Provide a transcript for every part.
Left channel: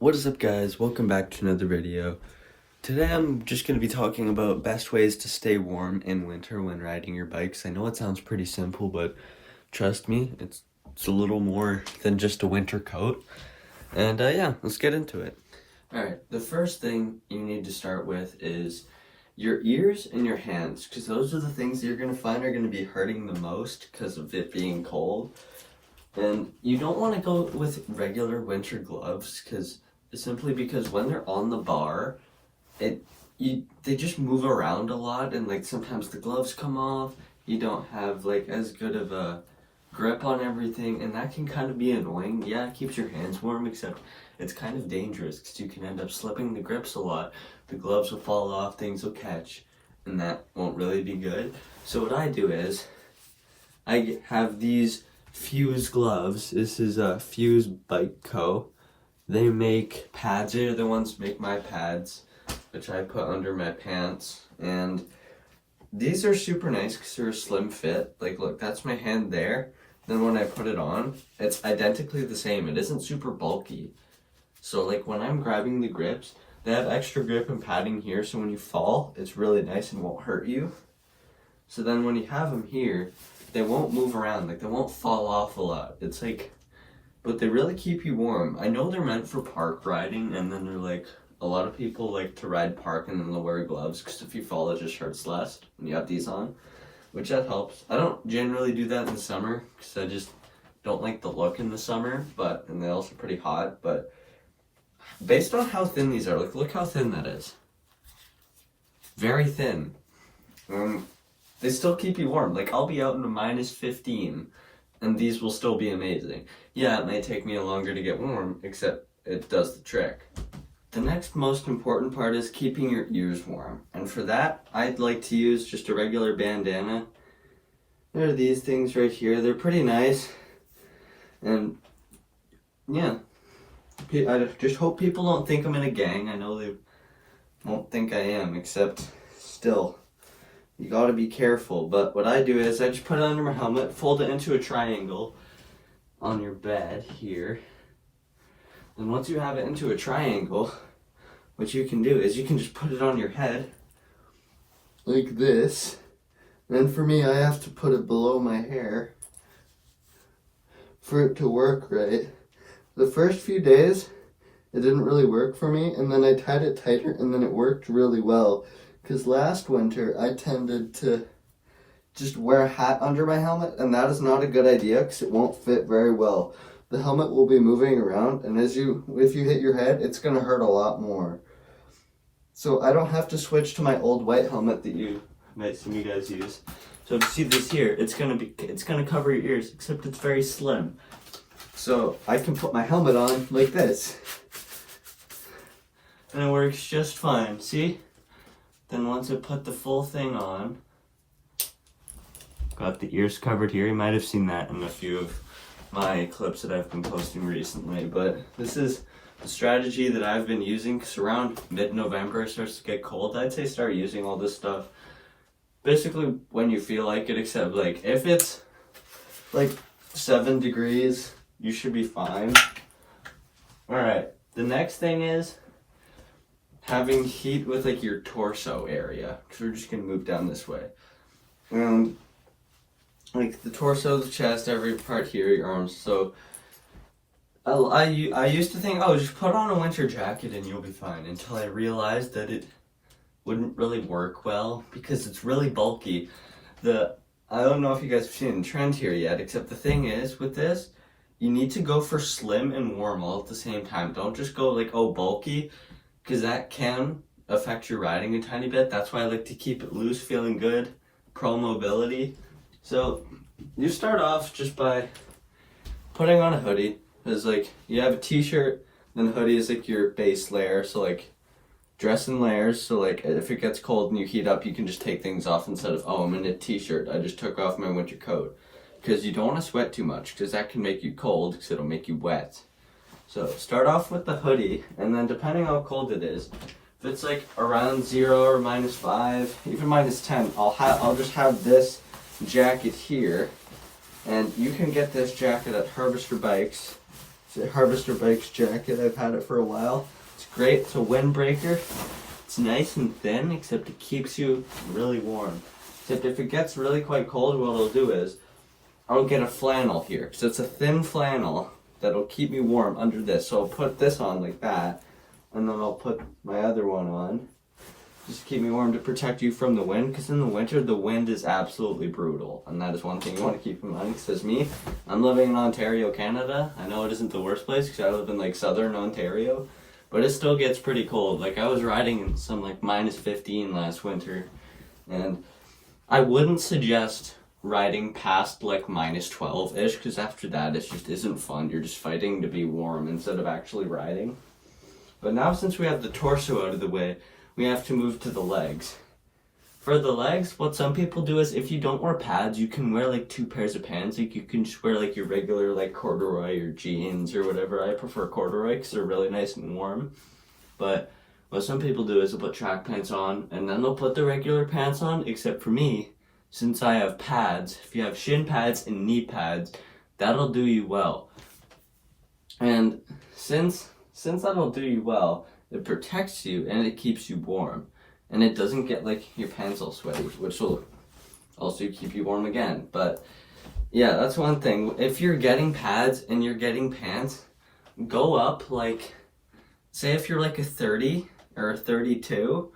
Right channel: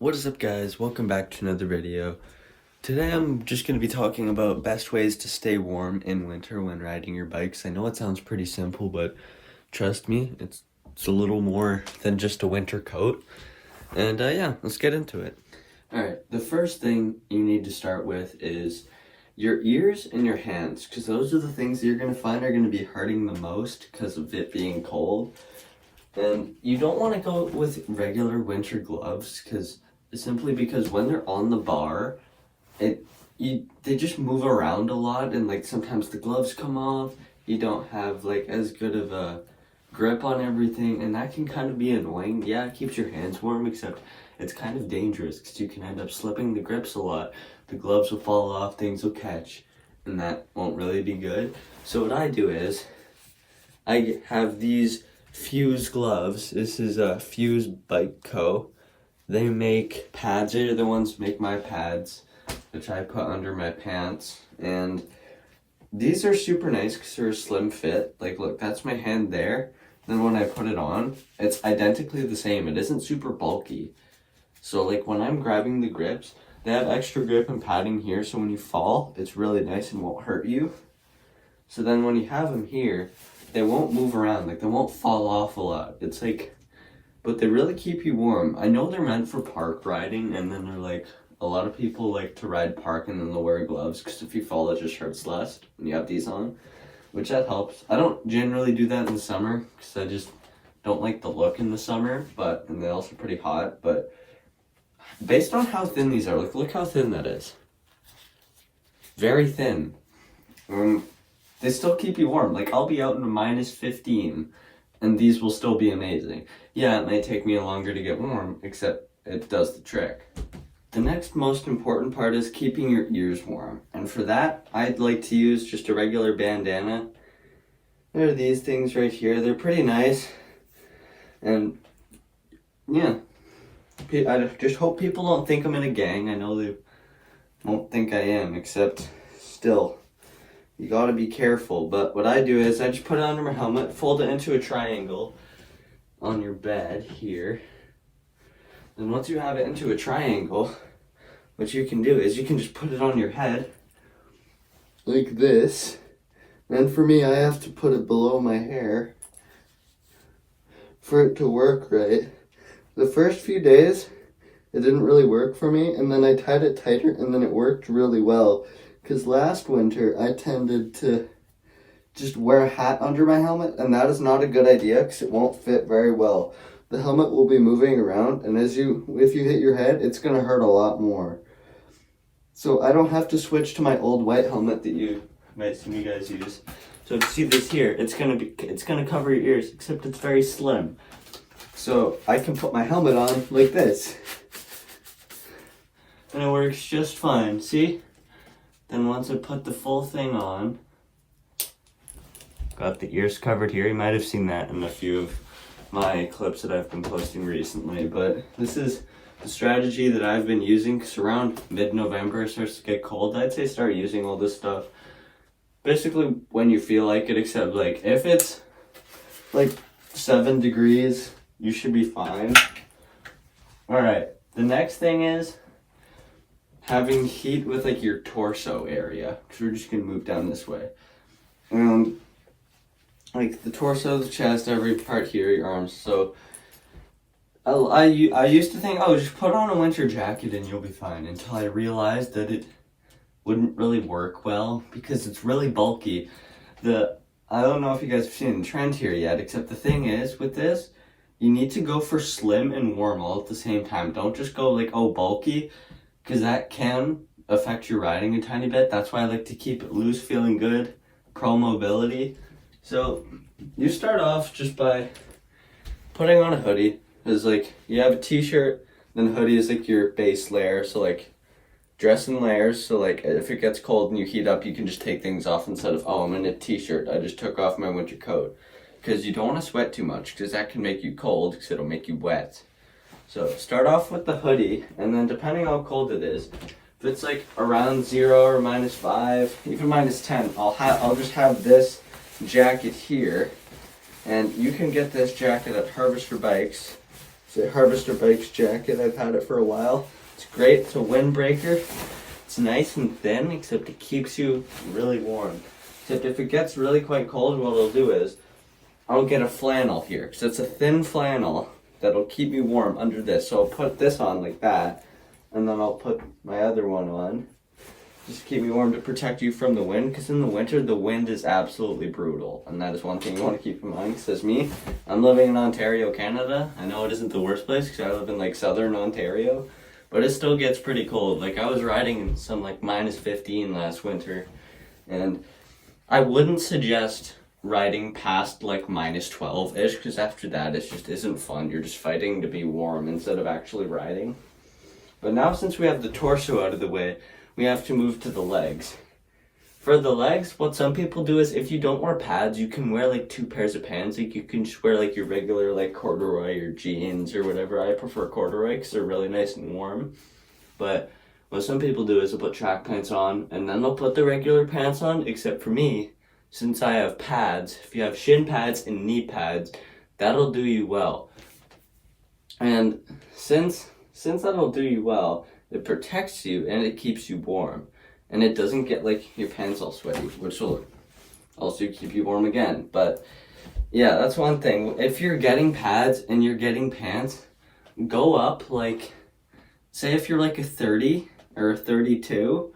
What is up, guys? Welcome back to another video. Today I'm just going to be talking about best ways to stay warm in winter when riding your bikes. I know it sounds pretty simple, but trust me, it's a little more than just a winter coat. And yeah, let's get into it. Alright, the first thing you need to start with is your ears and your hands, because those are the things that you're going to find are going to be hurting the most because of it being cold. And you don't want to go with regular winter gloves simply because when they're on the bar, they just move around a lot, and like sometimes the gloves come off. You don't have like as good of a grip on everything, and that can kind of be annoying. Yeah, it keeps your hands warm, except it's kind of dangerous because you can end up slipping the grips a lot. The gloves will fall off, things will catch, and that won't really be good. So what I do is I have these Fuse gloves. This is a Fuse Bike Co. They make pads. They're the ones who make my pads, which I put under my pants. And these are super nice because they're a slim fit. Like, look, that's my hand there. Then when I put it on, it's identically the same. It isn't super bulky. So like when I'm grabbing the grips, they have extra grip and padding here. So when you fall, it's really nice and won't hurt you. So then when you have them here, they won't move around, like they won't fall off a lot. It's like, but they really keep you warm. I know they're meant for park riding, and then they're like, a lot of people like to ride park and then they'll wear gloves because if you fall, it just hurts less when you have these on, which that helps. I don't generally do that in the summer because I just don't like the look in the summer, and they're also pretty hot. But based on how thin these are, like look how thin that is. Very thin. They still keep you warm. Like, I'll be out in a -15, and these will still be amazing. Yeah, it may take me longer to get warm, except it does the trick. The next most important part is keeping your ears warm. And for that, I'd like to use just a regular bandana. There are these things right here. They're pretty nice. And, yeah. I just hope people don't think I'm in a gang. I know they won't think I am, except still. You gotta be careful, but what I do is I just put it under my helmet, fold it into a triangle on your bed here. And once you have it into a triangle, what you can do is you can just put it on your head like this. And for me, I have to put it below my hair for it to work right. The first few days, it didn't really work for me, and then I tied it tighter, and then it worked really well. Because last winter, I tended to just wear a hat under my helmet, and that is not a good idea because it won't fit very well. The helmet will be moving around, and if you hit your head, it's going to hurt a lot more. So I don't have to switch to my old white helmet that you might see me guys use. So if you see this here, it's gonna cover your ears, except it's very slim. So I can put my helmet on like this, and it works just fine. See? Then once I put the full thing on, got the ears covered here. You might have seen that in a few of my clips that I've been posting recently, but this is the strategy that I've been using because around mid-November it starts to get cold. I'd say start using all this stuff basically when you feel like it, except like if it's like 7 degrees, you should be fine. All right, the next thing is having heat with like your torso area, because we're just gonna move down this way. And like the torso, the chest, every part here, your arms. So I used to think, oh, just put on a winter jacket and you'll be fine, until I realized that it wouldn't really work well because it's really bulky. I don't know if you guys have seen the trend here yet, except the thing is with this, you need to go for slim and warm all at the same time. Don't just go like, oh, bulky, because that can affect your riding a tiny bit. That's why I like to keep it loose, feeling good, pro mobility. So you start off just by putting on a hoodie. It's like you have a t-shirt, then hoodie is like your base layer. So like dress in layers. So like if it gets cold and you heat up, you can just take things off instead of, oh, I'm in a t-shirt, I just took off my winter coat. Because you don't want to sweat too much, because that can make you cold, because it'll make you wet. So start off with the hoodie, and then depending how cold it is, if it's like around 0 or -5, even -10, I'll just have this jacket here, and you can get this jacket at Harvester Bikes. It's It's a Harvester Bikes jacket. I've had it for a while. It's great. It's a windbreaker. It's nice and thin, except it keeps you really warm. Except if it gets really quite cold, what I'll do is I'll get a flannel here, because it's a thin flannel that'll keep me warm under this. So I'll put this on like that, and then I'll put my other one on. Just keep me warm to protect you from the wind, because in the winter, the wind is absolutely brutal. And that is one thing you want to keep in mind. Says me, I'm living in Ontario, Canada. I know it isn't the worst place, because I live in like southern Ontario. But it still gets pretty cold. Like I was riding in some like -15 last winter. And I wouldn't suggest riding past like -12-ish, because after that it just isn't fun. You're just fighting to be warm instead of actually riding. But now since we have the torso out of the way, we have to move to the legs. For the legs, what some people do is if you don't wear pads, you can wear like 2 pairs of pants. Like you can just wear like your regular like corduroy or jeans or whatever. I prefer corduroy because they're really nice and warm. But what some people do is they'll put track pants on and then they'll put the regular pants on, except for me, since I have pads, if you have shin pads and knee pads, that'll do you well. And since that'll do you well, it protects you and it keeps you warm. And it doesn't get like your pants all sweaty, which will also keep you warm again. But yeah, that's one thing. If you're getting pads and you're getting pants, go up like, say if you're like a 30 or a 32,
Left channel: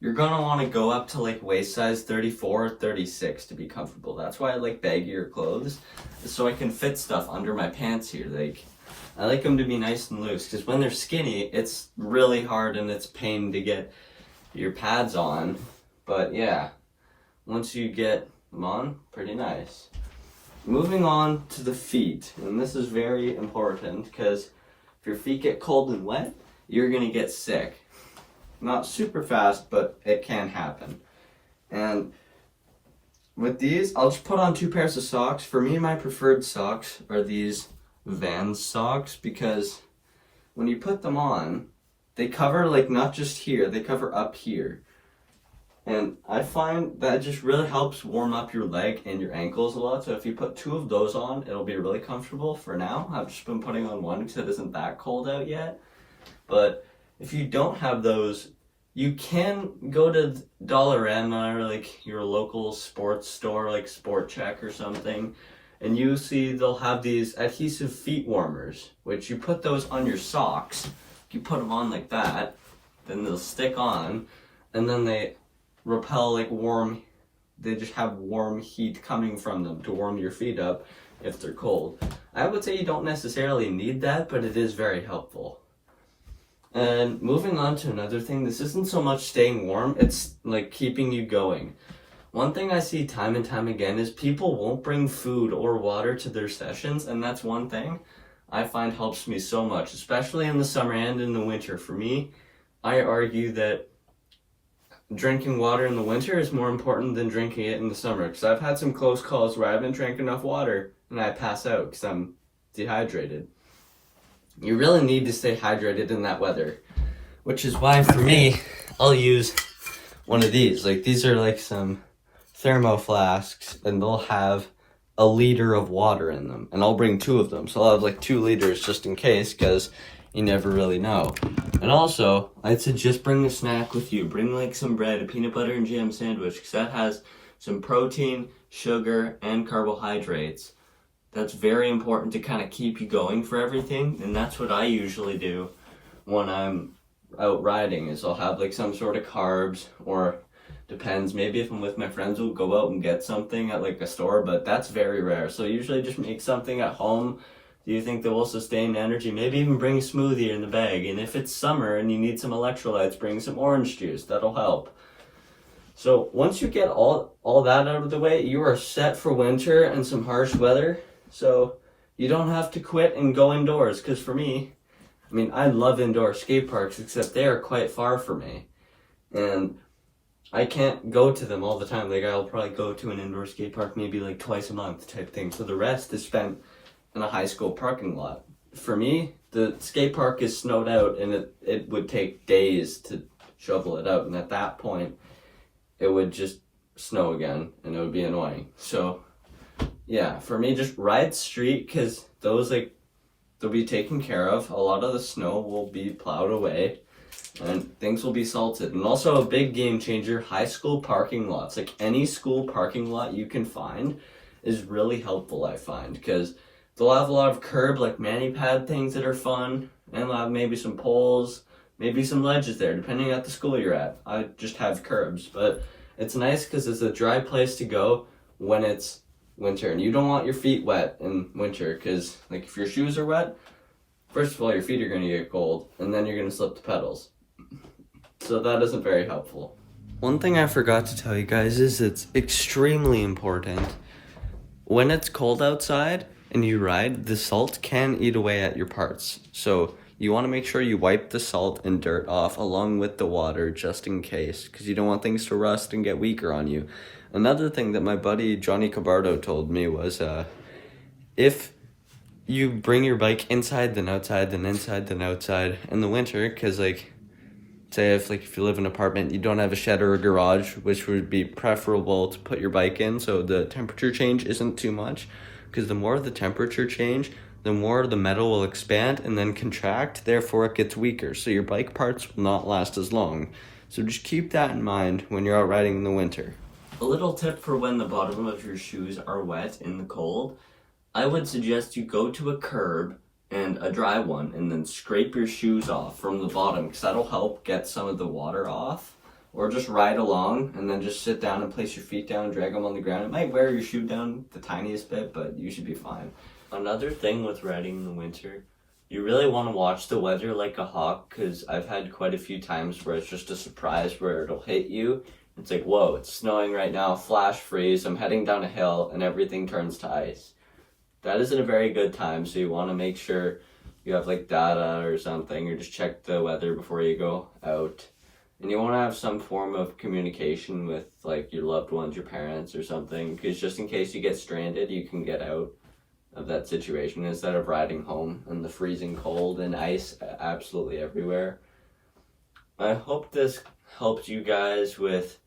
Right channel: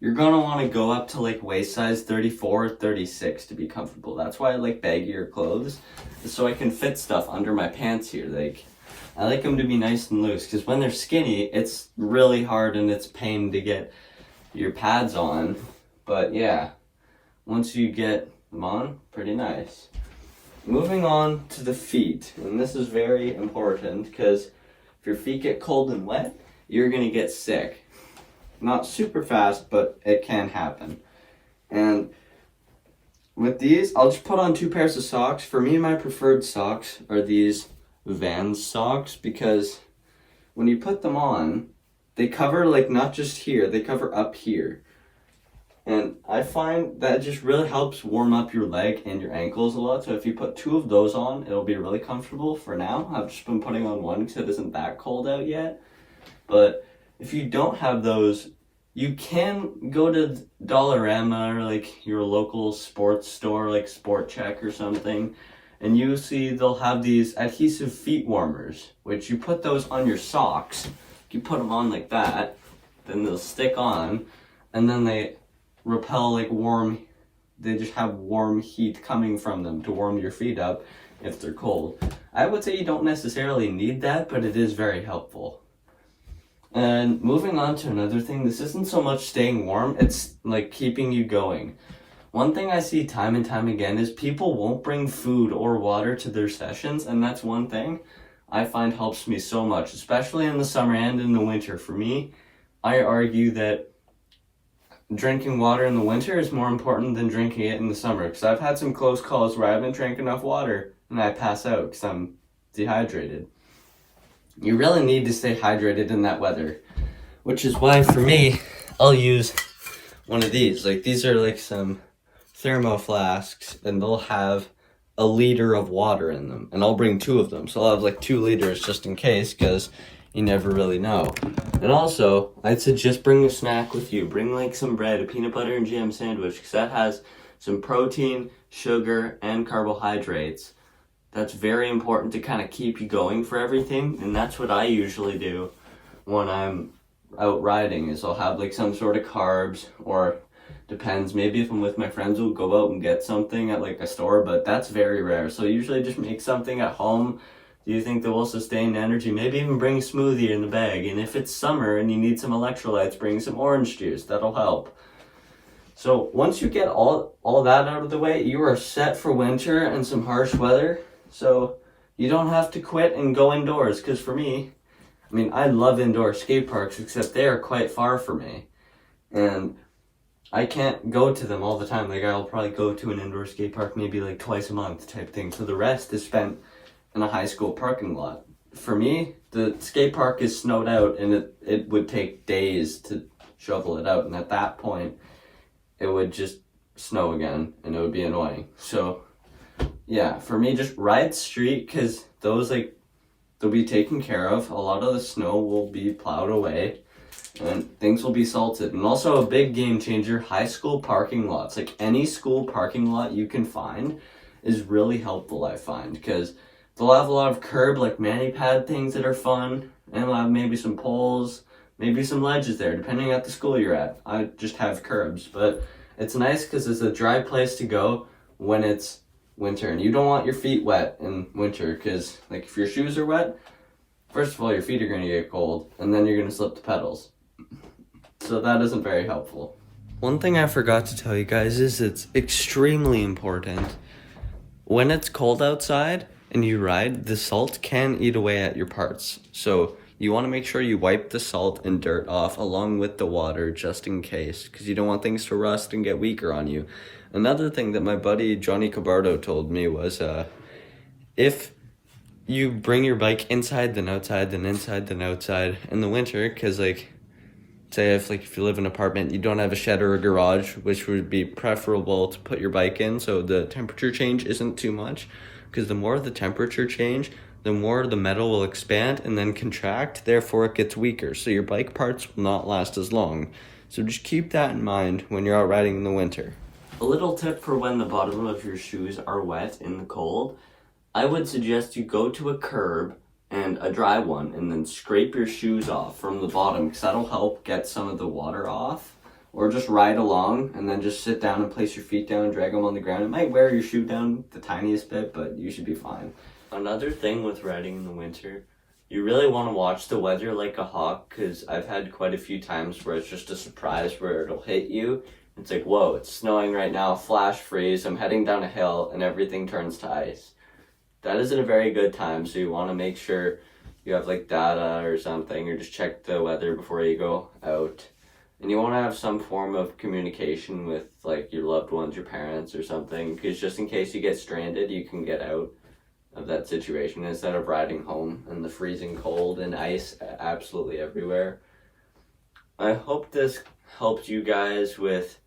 you're gonna want to go up to like waist size 34 or 36 to be comfortable. That's why I like baggier clothes, so I can fit stuff under my pants here. Like I like them to be nice and loose, because when they're skinny, it's really hard and it's pain to get your pads on. But yeah, once you get them on, pretty nice. Moving on to the feet, and this is very important, because if your feet get cold and wet, you're gonna get sick. Not super fast, but it can happen. And with these, I'll just put on 2 pairs of socks. For me, my preferred socks are these Vans socks, because when you put them on, they cover like not just here, they cover up here. And I find that just really helps warm up your leg and your ankles a lot. So if you put 2 of those on, it'll be really comfortable for now. I've just been putting on one because it isn't that cold out yet. But if you don't have those, you can go to Dollarama or like your local sports store, like Sport Check or something, and you see they'll have these adhesive feet warmers, which you put those on your socks. You put them on like that, then they'll stick on, and then they repel like they just have warm heat coming from them to warm your feet up if they're cold. I would say you don't necessarily need that, but it is very helpful. And moving on to another thing, this isn't so much staying warm, it's like keeping you going. One thing I see time and time again is people won't bring food or water to their sessions, and that's one thing I find helps me so much, especially in the summer and in the winter. For me, I argue that drinking water in the winter is more important than drinking it in the summer, because I've had some close calls where I haven't drank enough water and I pass out because I'm dehydrated. You really need to stay hydrated in that weather, which is why for me, I'll use one of these. Like these are like some thermo flasks, and they'll have a liter of water in them, and I'll bring 2 of them, so I'll have like 2 liters just in case, because you never really know. And also, I'd suggest bring a snack with you. Bring like some bread, a peanut butter and jam sandwich, because that has some protein, sugar, and carbohydrates. That's very important to kind of keep you going for everything, and that's what I usually do when I'm out riding, is I'll have like some sort of carbs, or depends, maybe if I'm with my friends, we'll go out and get something at like a store, but that's very rare. So usually just make something at home. Do you think that will sustain energy? Maybe even bring a smoothie in the bag. And if it's summer and you need some electrolytes, bring some orange juice. That'll help. So once you get all that out of the way, you are set for winter and some harsh weather. So you don't have to quit and go indoors. Because for me, I mean, I love indoor skate parks, except they are quite far from me. And I can't go to them all the time. Like I'll probably go to an indoor skate park maybe like twice a month type thing. So the rest is spent in a high school parking lot. For me, the skate park is snowed out, and it would take days to shovel it out. And at that point, it would just snow again, and it would be annoying. So yeah, for me, just ride street, because those like they'll be taken care of. A lot of the snow will be plowed away and things will be salted. And also a big game changer, high school parking lots. Like any school parking lot you can find is really helpful, I find, because they'll have a lot of curb, like mani pad things that are fun, and they'll have maybe some poles, maybe some ledges there, depending at the school you're at. I just have curbs, but it's nice because it's a dry place to go when it's winter, and you don't want your feet wet in winter, because like if your shoes are wet, first of all, your feet are going to get cold, and then you're going to slip the pedals. So that isn't very helpful. One thing I forgot to tell you guys is it's extremely important. When it's cold outside and you ride, the salt can eat away at your parts. So you want to make sure you wipe the salt and dirt off along with the water just in case, because you don't want things to rust and get weaker on you. Another thing that my buddy Johnny Cabardo told me was if you bring your bike inside then outside then inside then outside in the winter, because like say if you live in an apartment, you don't have a shed or a garage, which would be preferable to put your bike in so the temperature change isn't too much, because the more the temperature change, the more the metal will expand and then contract, therefore it gets weaker, so your bike parts will not last as long. So just keep that in mind when you're out riding in the winter. A little tip for when the bottom of your shoes are wet in the cold, I would suggest you go to a curb and a dry one and then scrape your shoes off from the bottom, because that'll help get some of the water off. Or just ride along and then just sit down and place your feet down and drag them on the ground. It might wear your shoe down the tiniest bit, but you should be fine. Another thing with riding in the winter, you really want to watch the weather like a hawk, because I've had quite a few times where it's just a surprise where it'll hit you. It's like, whoa, it's snowing right now, flash freeze, I'm heading down a hill, and everything turns to ice. That isn't a very good time, so you want to make sure you have like data or something, or just check the weather before you go out. And you want to have some form of communication with like your loved ones, your parents or something, because just in case you get stranded, you can get out of that situation instead of riding home in the freezing cold and ice absolutely everywhere. I hope this helped you guys with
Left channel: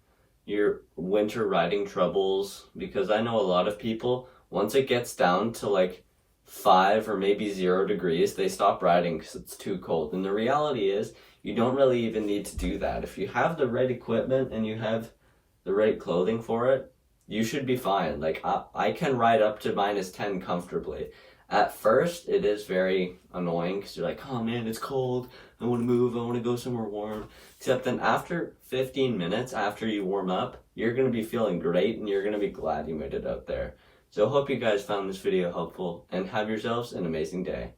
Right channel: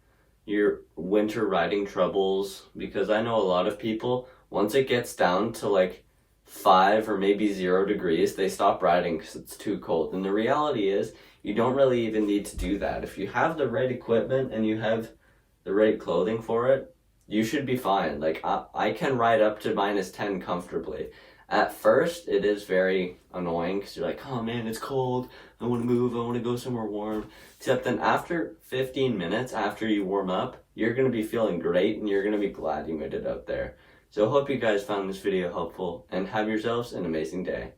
your winter riding troubles, because I know a lot of people, once it gets down to like 5 or maybe 0 degrees, they stop riding because it's too cold. And the reality is, you don't really even need to do that. If you have the right equipment and you have the right clothing for it, you should be fine. Like I can ride up to -10 comfortably. At first, it is very annoying because you're like, oh man, it's cold. I want to move. I want to go somewhere warm. Except then after 15 minutes, after you warm up, you're going to be feeling great and you're going to be glad you made it out there. So I hope you guys found this video helpful and have yourselves an amazing day.